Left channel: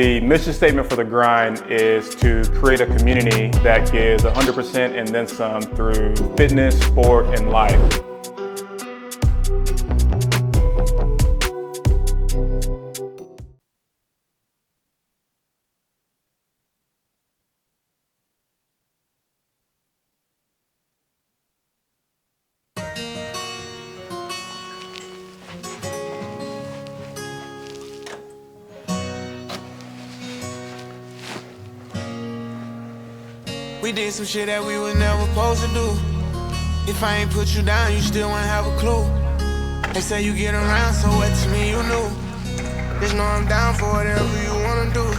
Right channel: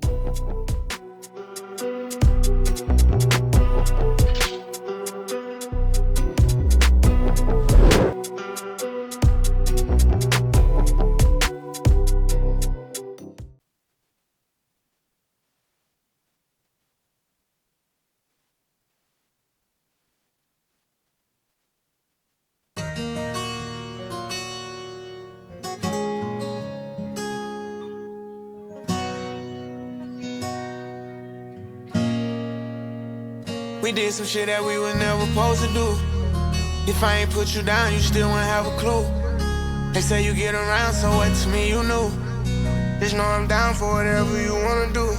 The mission statement for The Grind is to create a community that gives 100% and then some through fitness, sport, and life. We did some shit that we were never supposed to do. If I ain't put you down, you still wouldn't have a clue. They say you get around, so what to me you knew. Just know I'm down for whatever you wanna do.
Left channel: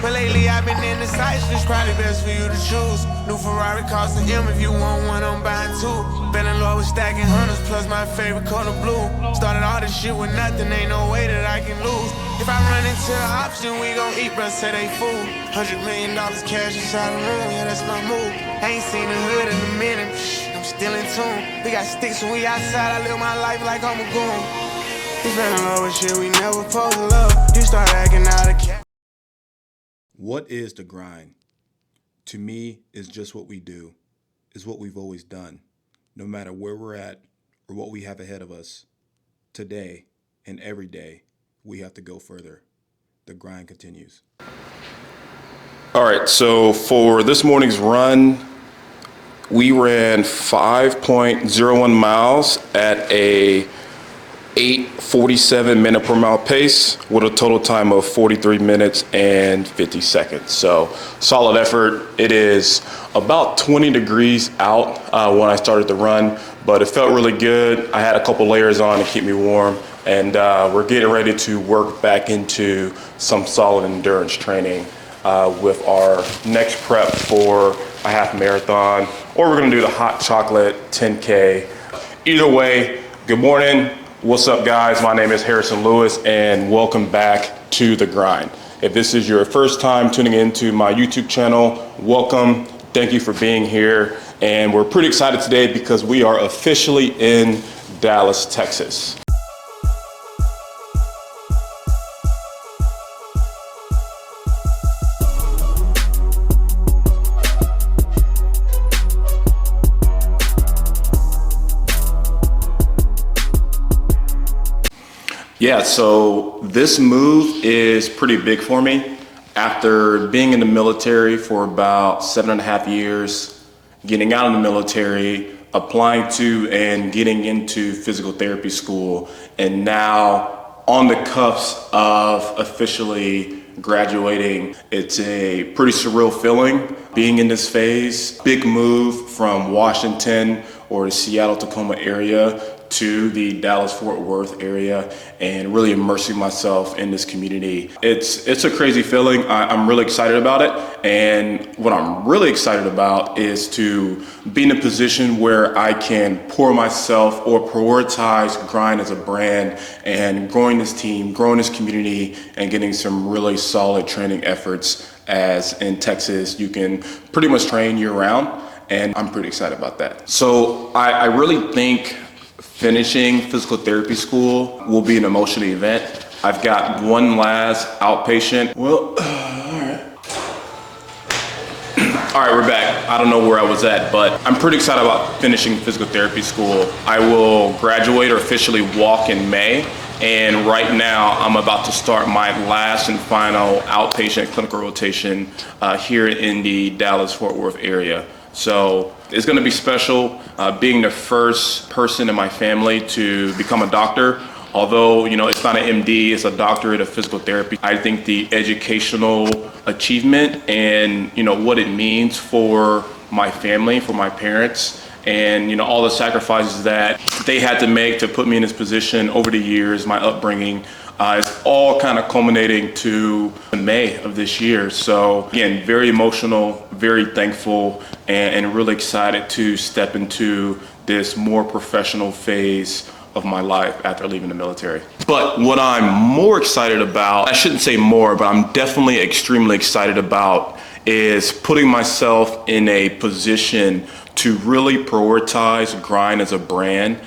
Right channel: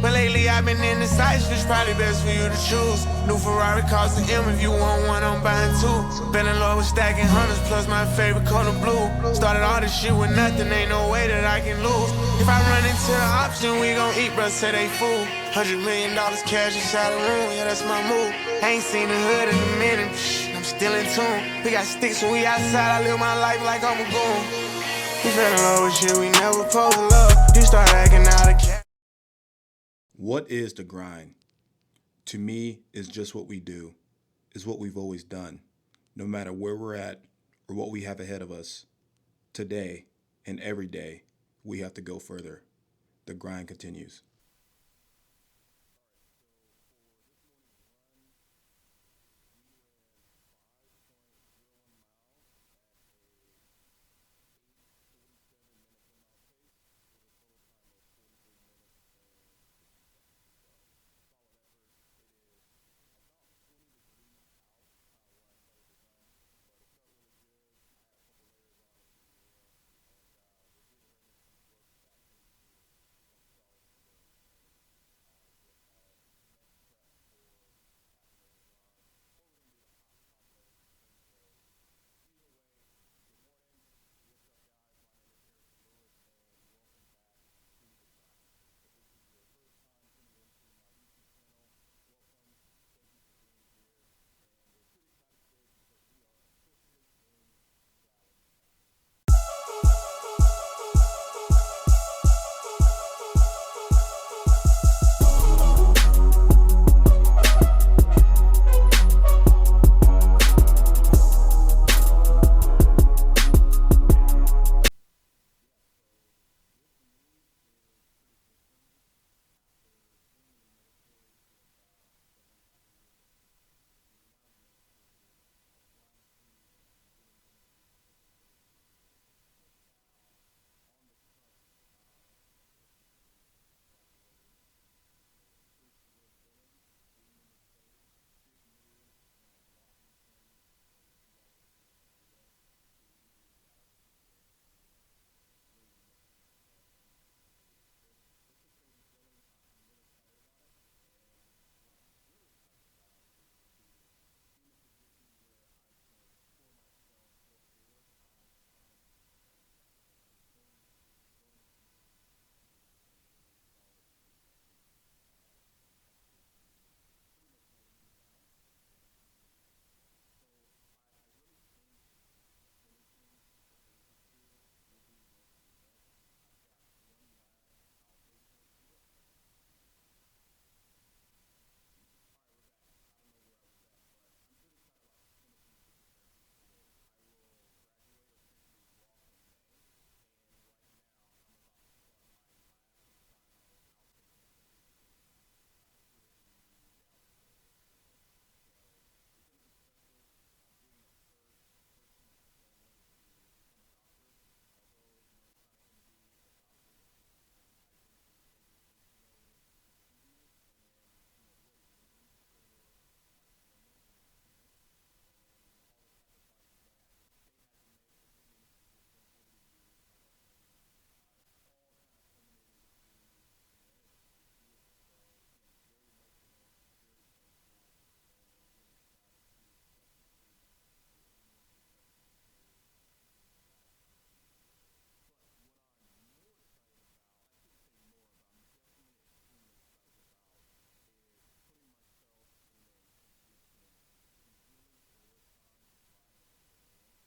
But lately I've been in the sights, it's probably best for you to choose. New Ferrari costs an M, if you want one, I'm buying two. Bellin' Lord was stacking hundreds, plus my favorite color blue. Started all this shit with nothing, ain't no way that I can lose. If I run into the option, we gon' eat, bruh, say they fool. $100 million cash inside the room, yeah, that's my move. Ain't seen the hood in a minute, I'm still in tune. We got sticks when we outside, I live my life like I'm a goon. We fell in love with shit we never supposed to love. You start acting out of cat. What is The Grind? To me, it's just what we do. It's what we've always done. No matter where we're at or what we have ahead of us, today and every day, we have to go further. The grind continues. All right, so for this morning's run, we ran 5.01 miles at a 8:47 minute per mile pace with a total time of 43 minutes and 50 seconds. So solid effort. It is about 20 degrees out when I started the run, but it felt really good. I had a couple layers on to keep me warm, and we're getting ready to work back into some solid endurance training with our next prep for a half marathon, or we're gonna do the hot chocolate 10K. Either way, good morning. What's up, guys? My name is Harrison Lewis, and welcome back to The Grind. If this is your first time tuning into my YouTube channel, welcome. Thank you for being here. And we're pretty excited today because we are officially in Dallas, Texas. Yeah, so this move is pretty big for me. After being in the military for about 7.5 years, getting out of the military, applying to and getting into physical therapy school, and now on the cusp of officially graduating, it's a pretty surreal feeling being in this phase. Big move from Washington or the Seattle-Tacoma area to the Dallas-Fort Worth area and really immersing myself in this community. It's a crazy feeling. I'm really excited about it. And what I'm really excited about is to be in a position where I can pour myself or prioritize Grind as a brand and growing this team, growing this community, and getting some really solid training efforts, as in Texas, you can pretty much train year round. And I'm pretty excited about that. So I really think finishing physical therapy school will be an emotional event. I've got one last outpatient. Well, all right, we're back. I don't know where I was at, but I'm pretty excited about finishing physical therapy school. I will graduate or officially walk in May. And right now, I'm about to start my last and final outpatient clinical rotation here in the Dallas-Fort Worth area. So it's gonna be special being the first person in my family to become a doctor. Although, you know, it's not an MD, it's a doctorate of physical therapy. I think the educational achievement and, you know, what it means for my family, for my parents, and, you know, all the sacrifices that they had to make to put me in this position over the years, my upbringing, it's all kind of culminating to May of this year. So again, very emotional, very thankful, and really excited to step into this more professional phase of my life after leaving the military. But what I'm more excited about, I shouldn't say more, but I'm definitely extremely excited about, is putting myself in a position to really prioritize Grind as a brand,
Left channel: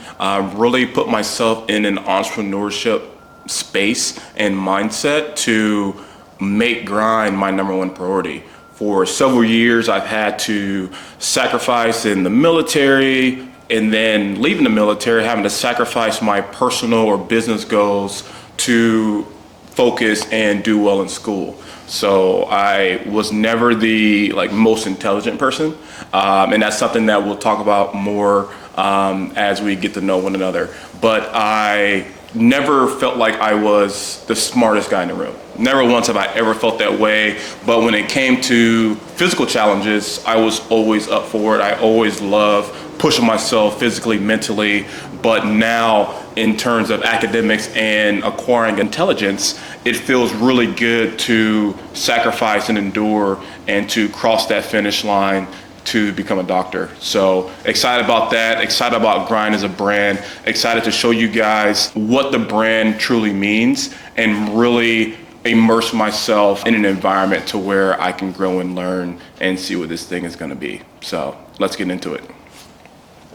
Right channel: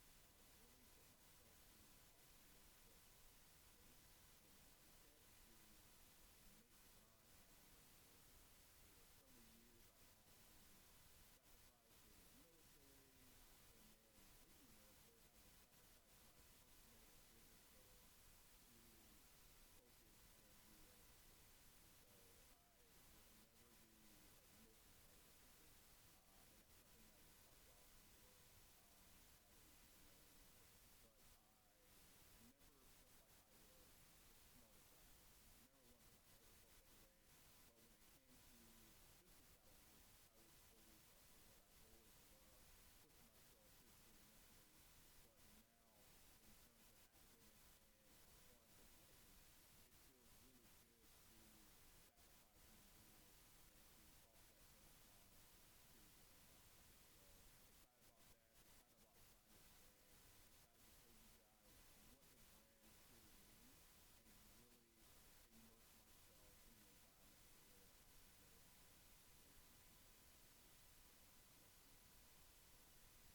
really put myself in an entrepreneurship space and mindset to make grind my number one priority. For several years, I've had to sacrifice in the military, and then leaving the military, having to sacrifice my personal or business goals to focus and do well in school. So I was never the most intelligent person, and that's something that we'll talk about more as we get to know one another. But I never felt like I was the smartest guy in the room. Never once have I ever felt that way. But when it came to physical challenges, I was always up for it. I always loved pushing myself physically, mentally. But now, in terms of academics and acquiring intelligence, it feels really good to sacrifice and endure and to cross that finish line to become a doctor. So excited about that, excited about Grind as a brand, excited to show you guys what the brand truly means and really immerse myself in an environment to where I can grow and learn and see what this thing is gonna be. So let's get into it.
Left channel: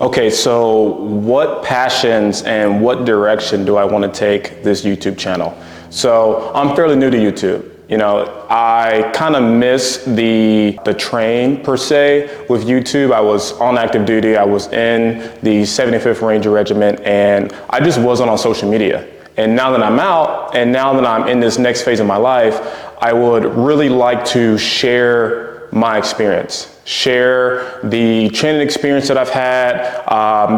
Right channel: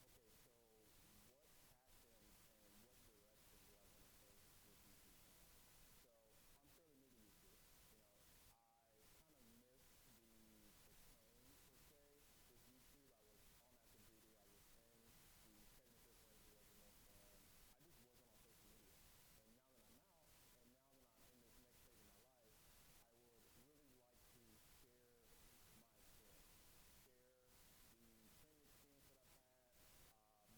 Okay, so what passions and what direction do I want to take this YouTube channel? So I'm fairly new to YouTube. You know, I kind of miss the train per se with YouTube. I was on active duty. I was in the 75th Ranger Regiment, and I just wasn't on social media. And now that I'm out, and now that I'm in this next phase of my life, I would really like to share my experience. Share the training experience that I've had,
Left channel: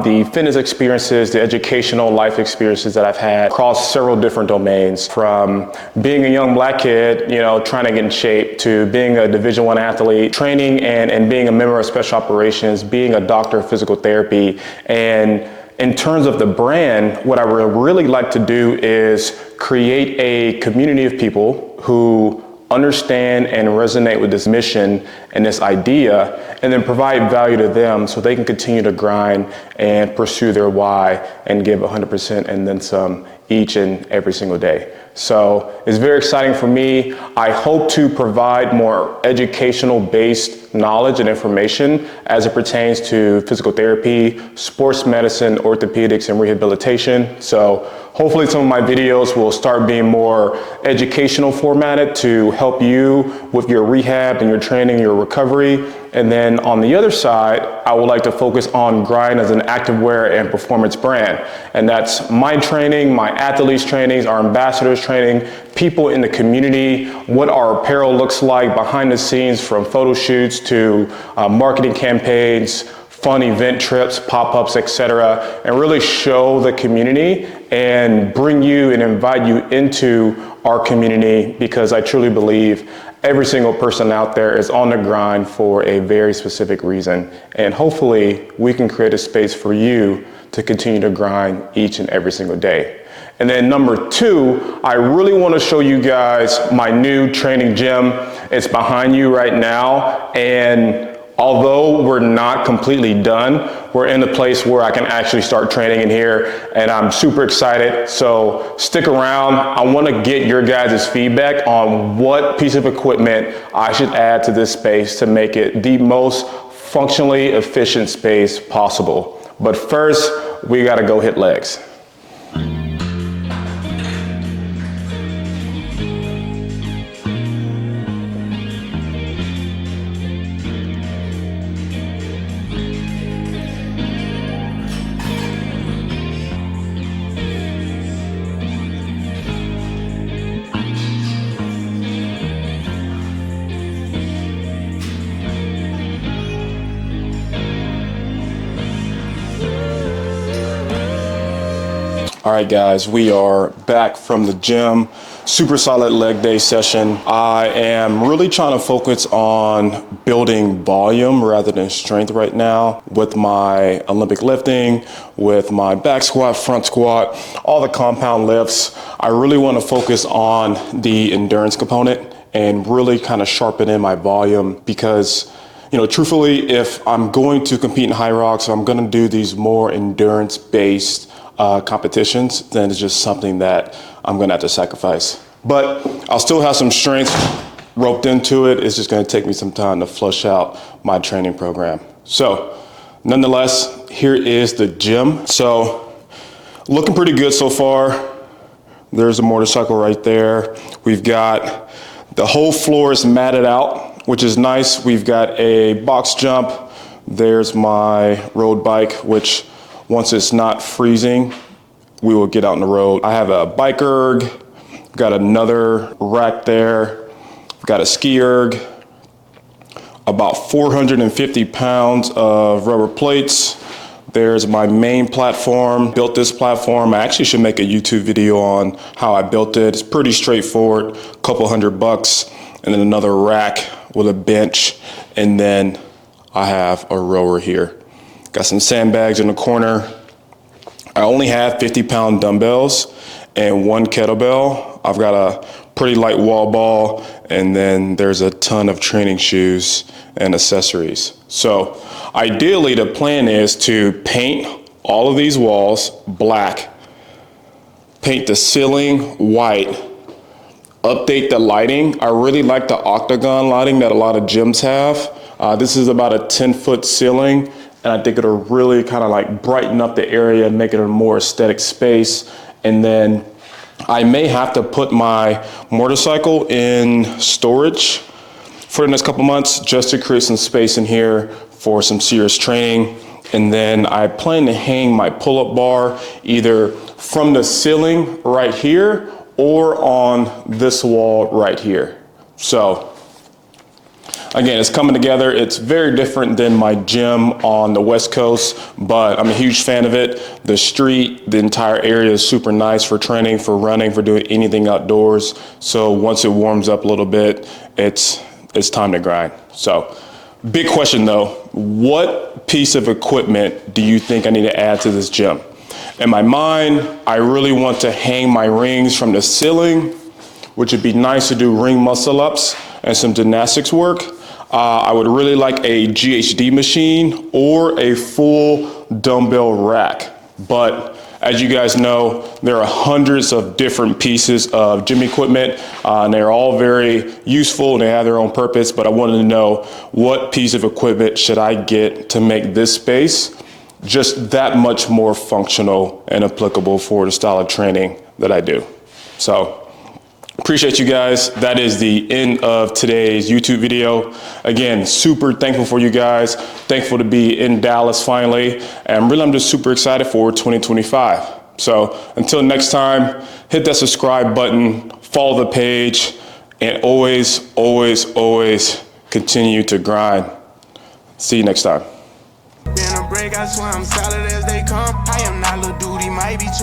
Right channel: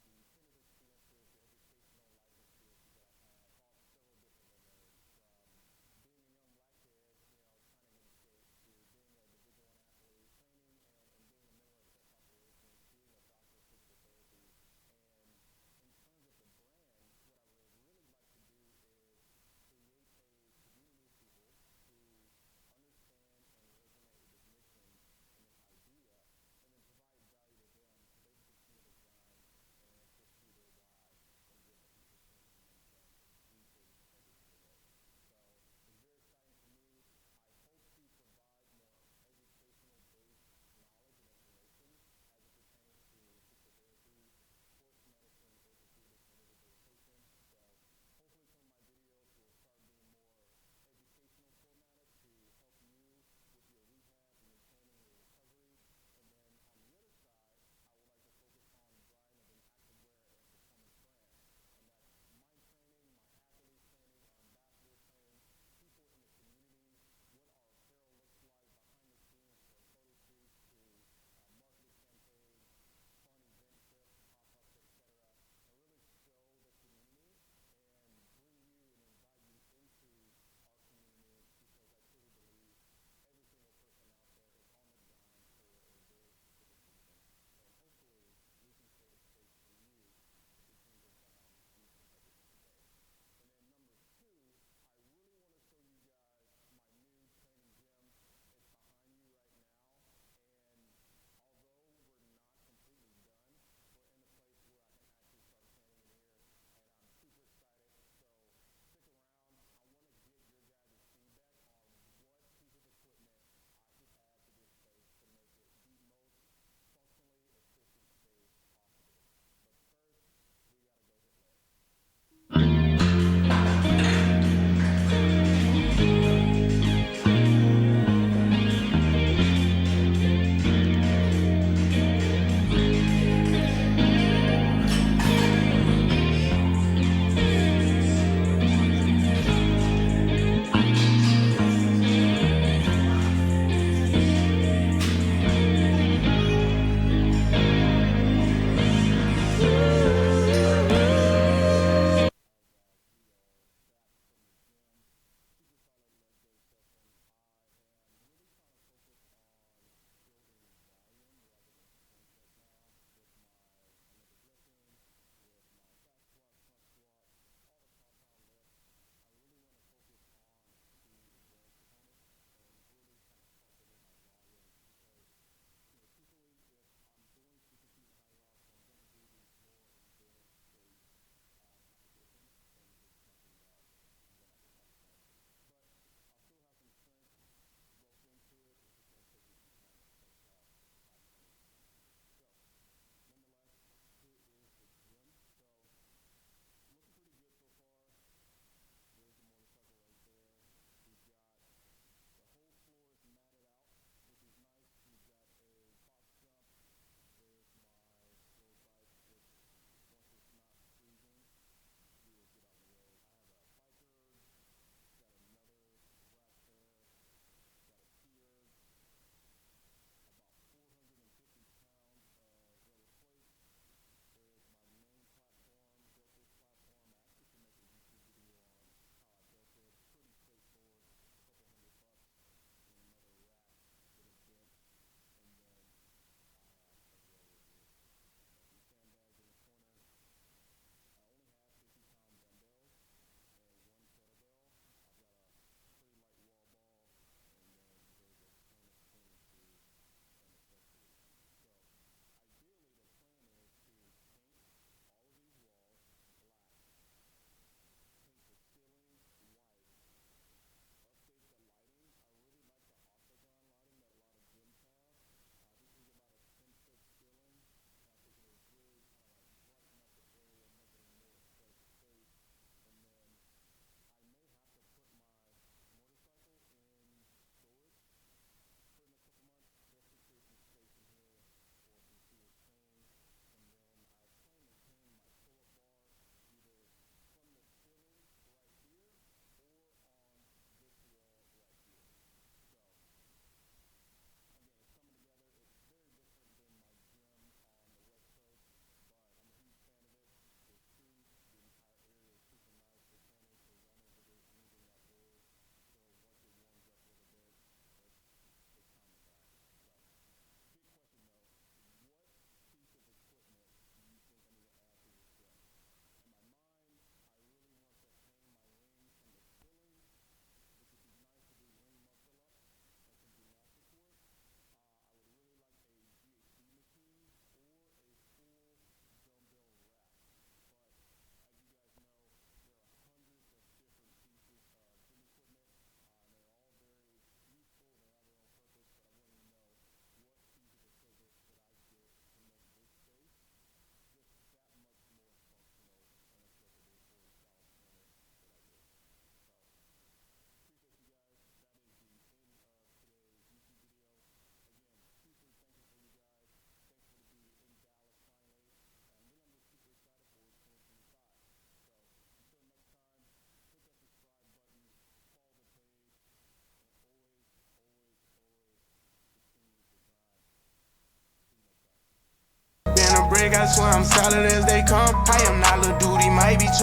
the fitness experiences, the educational life experiences that I've had across several different domains, from being a young black kid, you know, trying to get in shape, to being a Division I athlete, training and being a member of special operations, being a doctor of physical therapy. And in terms of the brand, what I would really like to do is create a community of people who understand and resonate with this mission and this idea, and then provide value to them so they can continue to grind and pursue their why and give 100% and then some each and every single day. So it's very exciting for me. I hope to provide more educational based knowledge and information as it pertains to physical therapy, sports medicine, orthopedics, and rehabilitation. So hopefully some of my videos will start being more educational formatted to help you with your rehab and your training, your recovery. And then on the other side, I would like to focus on Grind as an activewear and performance brand. And that's my training, my athletes' trainings, our ambassadors' training, people in the community, what our apparel looks like behind the scenes, from photo shoots to marketing campaigns, fun event trips, pop-ups, etc., and really show the community and bring you and invite you into our community, because I truly believe every single person out there is on the grind for a very specific reason. And hopefully we can create a space for you to continue to grind each and every single day. And then number two, I really want to show you guys my new training gym. It's behind you right now. And although we're not completely done, we're in a place where I can actually start training in here, and I'm super excited. So stick around. I want to get your guys' feedback on what piece of equipment I should add to this space to make it the most functionally efficient space possible. But first, we got to go hit legs. All right, guys, we are back from the gym. Super solid leg day session. I am really trying to focus on building volume rather than strength right now with my Olympic lifting, with my back squat, front squat, all the compound lifts. I really want to focus on the endurance component and really kind of sharpen in my volume, because truthfully, if I'm going to compete in high rocks, I'm going to do these more endurance-based competitions, then it's just something that I'm gonna have to sacrifice. But I'll still have some strength roped into it. It's just gonna take me some time to flush out my training program. So nonetheless, here is the gym. So looking pretty good so far. There's a motorcycle right there. We've got The whole floor is matted out, which is nice. We've got a box jump. There's my road bike, which once it's not freezing, we will get out on the road. I have a bike erg, got another rack there, got a ski erg, about 450 pounds of rubber plates. There's my main platform. Built this platform. I actually should make a YouTube video on how I built it. It's pretty straightforward, a couple $100, and then another rack with a bench, and then I have a rower here. Got some sandbags in the corner. I only have 50-pound dumbbells and one kettlebell. I've got a pretty light wall ball, and then there's a ton of training shoes and accessories. So ideally, the plan is to paint all of these walls black, paint the ceiling white, update the lighting. I really like the octagon lighting that a lot of gyms have. This is about a 10-foot ceiling, and I think it'll really kind of like brighten up the area, make it a more aesthetic space. And then I may have to put my motorcycle in storage for the next couple months just to create some space in here for some serious training. And then I plan to hang my pull-up bar either from the ceiling right here or on this wall right here. So again, it's coming together. It's very different than my gym on the West Coast, but I'm a huge fan of it. The street, the entire area is super nice for training, for running, for doing anything outdoors. So once it warms up a little bit, it's time to grind. So big question though, what piece of equipment do you think I need to add to this gym? In my mind, I really want to hang my rings from the ceiling, which would be nice to do ring muscle ups and some gymnastics work. I would really like a GHD machine or a full dumbbell rack. But as you guys know, there are hundreds of different pieces of gym equipment, and they're all very useful and they have their own purpose, but I wanted to know what piece of equipment should I get to make this space just that much more functional and applicable for the style of training that I do. So appreciate you guys. That is the end of today's YouTube video. Again, super thankful for you guys. Thankful to be in Dallas finally. And really, I'm just super excited for 2025. So until next time, hit that subscribe button, follow the page, and always, always, always continue to grind. See you next time. Been a brick, I swear I'm solid as they come. I am not Lil Duty, might be too